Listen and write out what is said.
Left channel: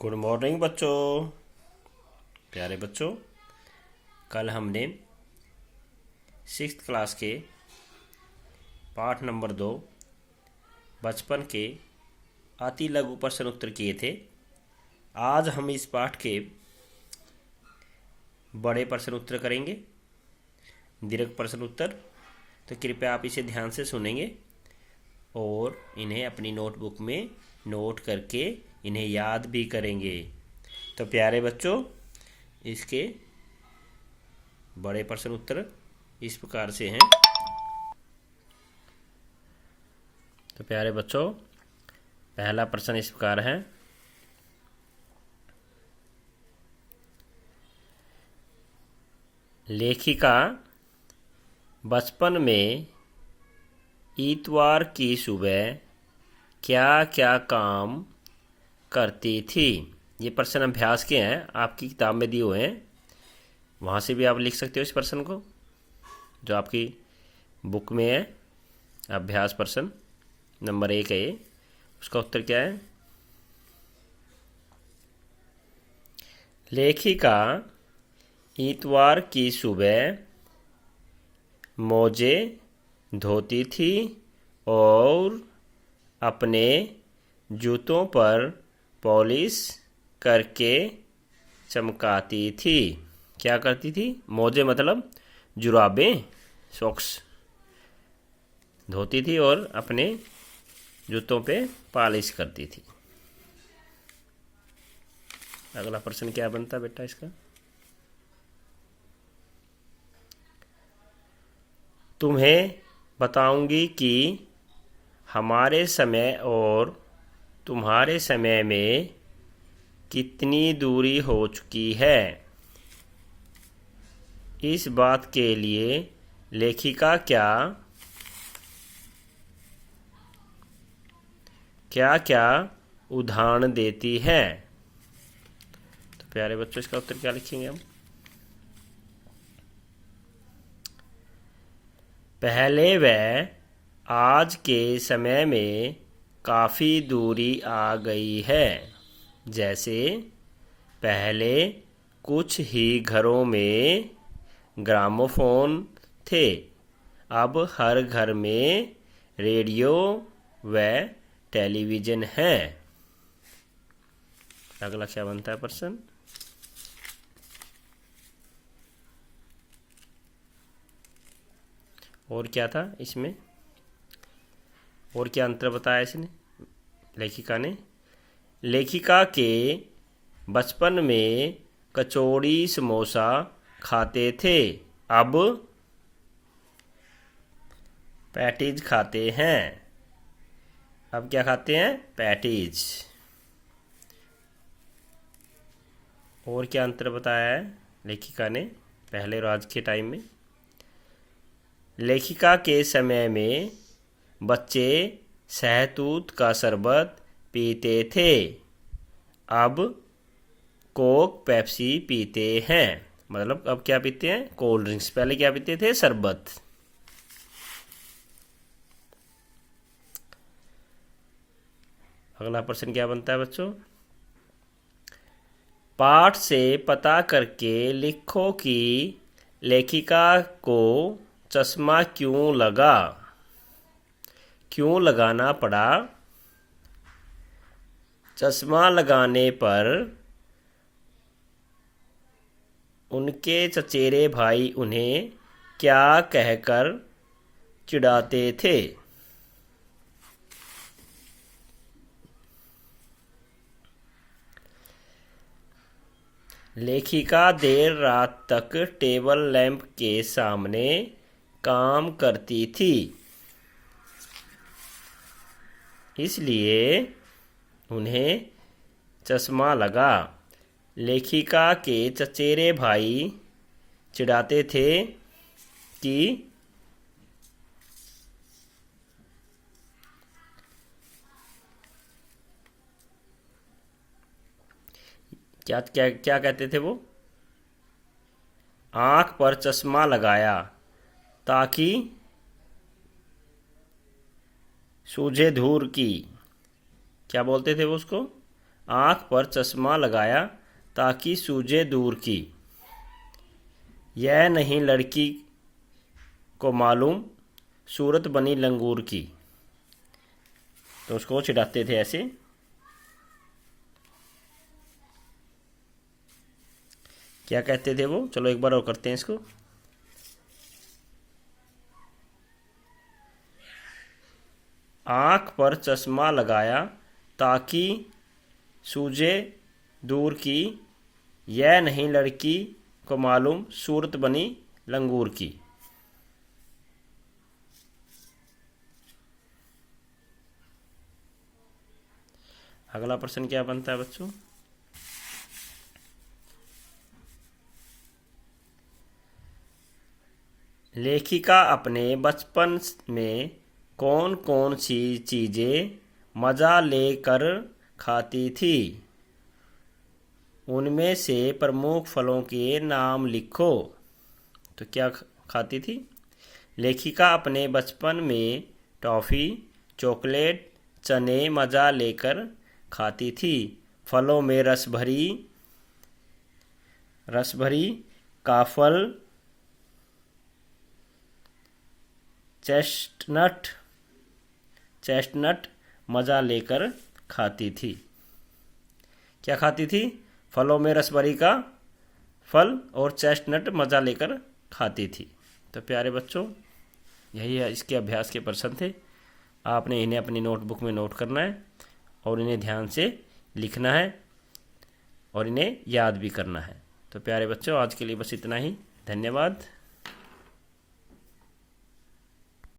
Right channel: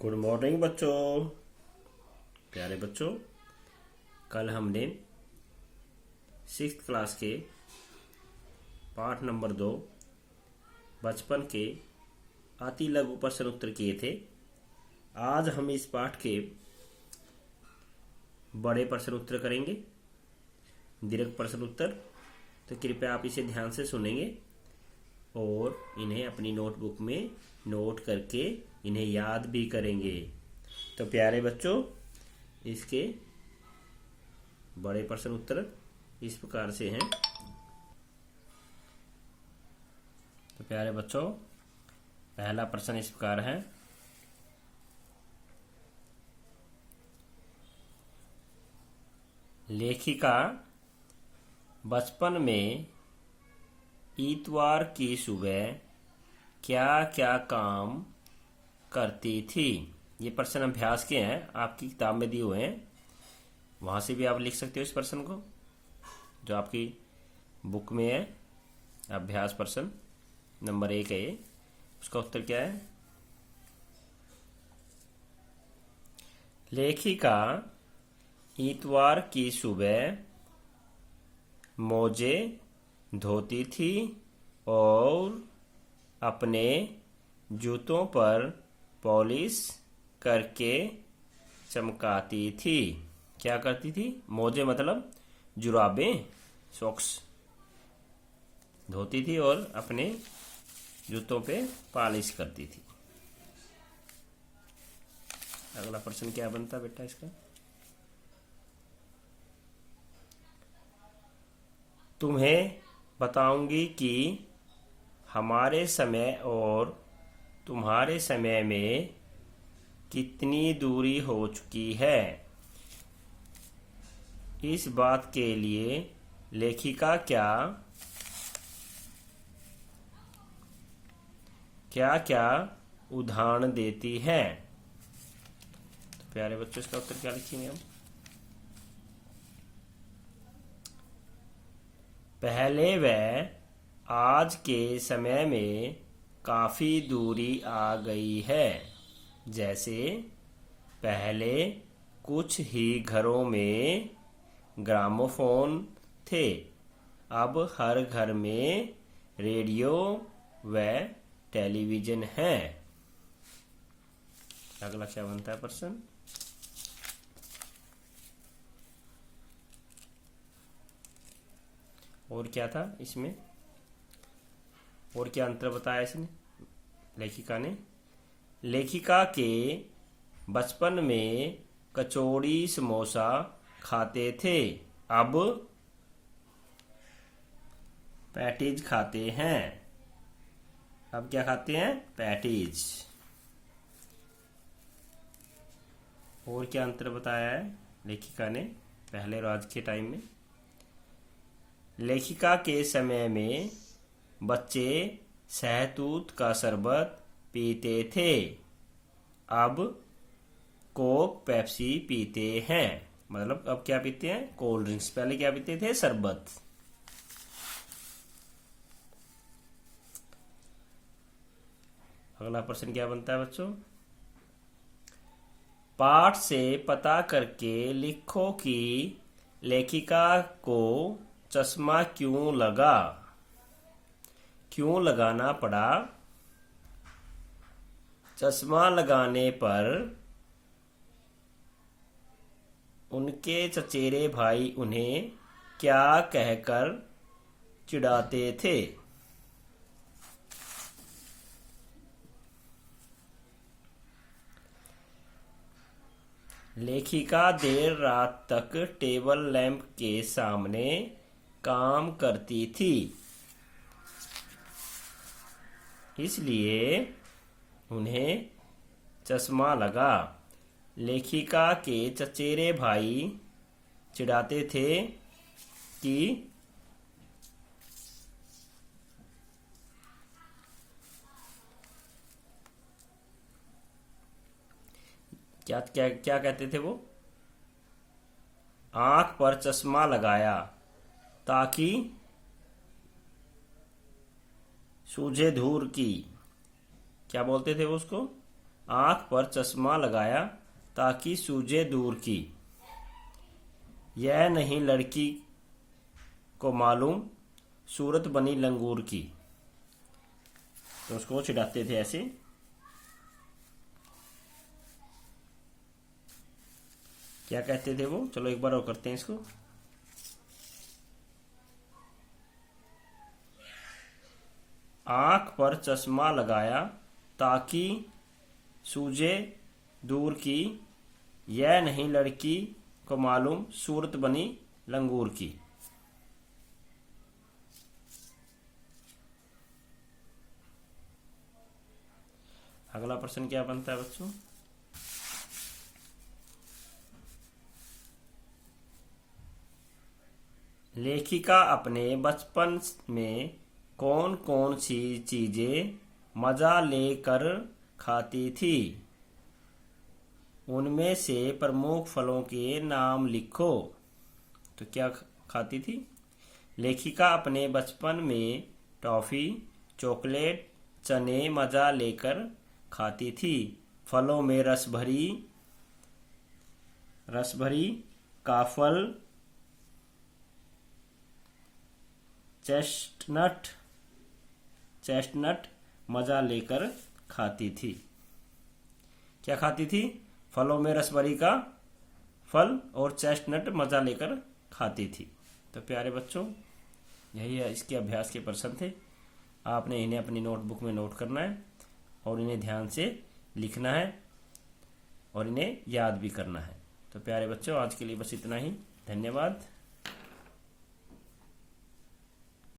Good morning बच्चों। प्यारे बच्चों, कल हमने 6th क्लास के पाठ नंबर 2 बचपन के अति लघु प्रश्न उत्तर किए थे। आज हम इस पाठ के बड़े प्रश्न उत्तर करेंगे, दीर्घ प्रश्न उत्तर। तो कृपया आप इसे ध्यान से सुनेंगे और इन्हें अपनी नोटबुक में नोट करके इन्हें याद भी करेंगे। तो प्यारे बच्चों, इसके बड़े प्रश्न उत्तर इस प्रकार से हैं। तो प्यारे बच्चों, पहला प्रश्न इस प्रकार है। लेखिका बचपन में इतवार की सुबह क्या क्या काम करती थी। ये प्रश्न अभ्यास के हैं, आपकी किताब में दिए हुए हैं, वहाँ से भी आप लिख सकते हो इस प्रश्न को, जो आपकी बुक में है। अभ्यास प्रश्न नंबर 1 है ये। उसका उत्तर क्या है? लेखिका इतवार की सुबह मोजे धोती थी और अपने जूतों पर पॉलिश करके चमकाती थी। क्या करती थी? मोजे मतलब जुराबें, सॉक्स धोती थी और अपने जूतों पे पॉलिश करती थी। अगला प्रश्न क्या बनता बेटा इसका? तुम्हें बताऊंगी कि हमारे समय और तुम्हारे समय में कितनी दूरी हो चुकी है। इस बात के लिए लेखिका क्या क्या क्या उदाहरण देती है। तो प्यारे बच्चों, इसका उत्तर क्या लिखेंगे हम? पहले वह आज के समय में काफ़ी दूरी आ गई है। जैसे पहले कुछ ही घरों में ग्रामोफोन थे, अब हर घर में रेडियो व टेलीविज़न है। अगला क्या बनता है प्रश्न? और क्या था इसमें? और क्या अंतर बताया इसने, लेखिका ने? लेखिका के बचपन में कचौड़ी समोसा खाते थे, अब पैटीज खाते हैं। अब क्या खाते हैं? पैटीज। और क्या अंतर बताया है लेखिका ने पहले और आज के टाइम में? लेखिका के समय में बच्चे शहतूत का शरबत पीते थे, अब कोक पेप्सी पीते हैं। मतलब अब क्या पीते हैं? Cold drinks. पहले क्या पीते थे? शरबत। अगला प्रश्न क्या बनता है बच्चों? पाठ से पता करके लिखो कि लेखिका को चश्मा क्यों लगा। क्यों लगाना पड़ा? चश्मा लगाने पर उनके चचेरे भाई उन्हें क्या कहकर चिढ़ाते थे। लेखिका देर रात तक टेबल लैंप के सामने काम करती थी, इसलिए उन्हें चश्मा लगा। लेखिका के चचेरे भाई चिढ़ाते थे कि क्या क्या क्या कहते थे वो? आंख पर चश्मा लगाया ताकि सूझे धूर की। क्या बोलते थे वो उसको? आँख पर चश्मा लगाया ताकि सूझे दूर की, यह नहीं लड़की को मालूम सूरत बनी लंगूर की। तो उसको चिढ़ाते थे ऐसे। क्या कहते थे वो? चलो एक बार और करते हैं इसको। आँख पर चश्मा लगाया ताकि सूझे दूर की, यह नहीं लड़की को मालूम सूरत बनी लंगूर की। अगला प्रश्न क्या बनता है बच्चों? लेखिका अपने बचपन में कौन कौन सी चीजें मजा लेकर खाती थी? उनमें से प्रमुख फलों के नाम लिखो। तो क्या खाती थी? लेखिका अपने बचपन में टॉफी, चॉकलेट, चने मजा लेकर खाती थी। फलों में रसभरी काफल, चेस्टनट मजा लेकर खाती थी। क्या खाती थी? फलों में रसभरी का फल और चेस्टनट मजा लेकर खाती थी। तो प्यारे बच्चों, यही है इसके अभ्यास के प्रश्न थे। आपने इन्हें अपनी नोटबुक में नोट करना है और इन्हें ध्यान से लिखना है और इन्हें याद भी करना है। तो प्यारे बच्चों, आज के लिए बस इतना ही। धन्यवाद।